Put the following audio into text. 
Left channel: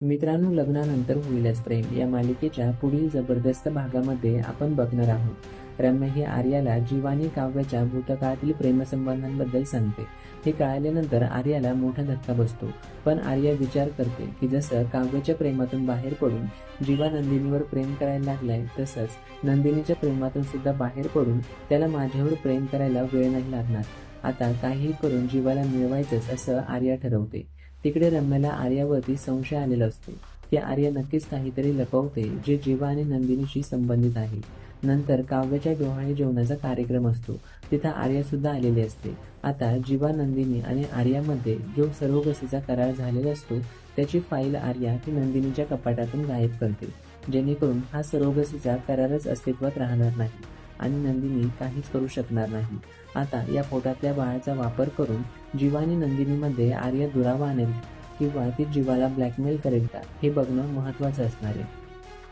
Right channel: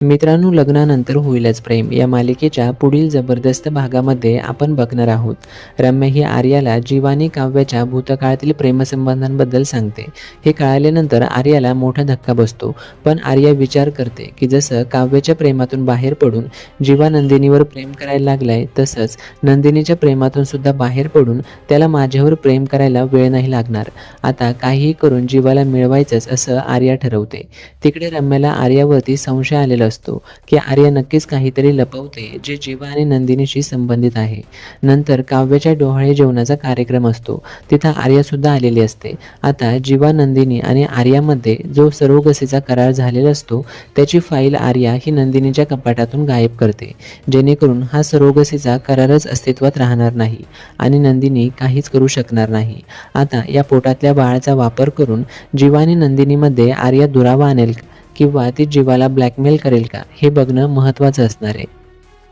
मित्रांनो, लग्नानंतर होईलच प्रेम या मालिकेच्या पुढील जबरदस्त भागामध्ये आपण बघणार आहोत. रम्या ही आर्याला जीवा आणि काव्याच्या भूतकाळातील प्रेमसंबंधांबद्दल सांगते. हे कळाल्यानंतर आर्याला मोठा धक्का बसतो. पण आर्या विचार करते की जसं काव्याच्या प्रेमातून बाहेर पडून जीवा नंदिनीवर प्रेम करायला लागलाय, तसंच नंदिनीच्या प्रेमातून सुद्धा बाहेर पडून त्याला माझ्यावर प्रेम करायला वेळ नाही लागणार. आता काहीही करून जीवाला मिळवायचंच असं आर्या ठरवते. तिकडे रम्याला आर्यावरती संशय आलेला असतो की आर्या नक्कीच काहीतरी लपवते जे जीवा आणि नंदिनीशी संबंधित आहे. नंतर काव्याच्या डोहाळे जेवणाचा कार्यक्रम असतो. तिथं आर्या सुद्धा आलेली असते. आता जीवा, नंदिनी आणि आर्यामध्ये जो सरोगसीचा करार झालेला असतो त्याची फाईल आर्या ही नंदिनीच्या कपाटातून गायब करते, जेणेकरून हा सरोगसीचा करारच अस्तित्वात राहणार नाही आणि नंदिनी काहीच करू शकणार नाही. आता या पोटातल्या बाळाचा वापर करून जीवा आणि नंदिनीमध्ये आर्या दुरावा आणेल किंवा ती जीवाला ब्लॅकमेल करेल का, हे बघणं महत्त्वाचं असणार आहे.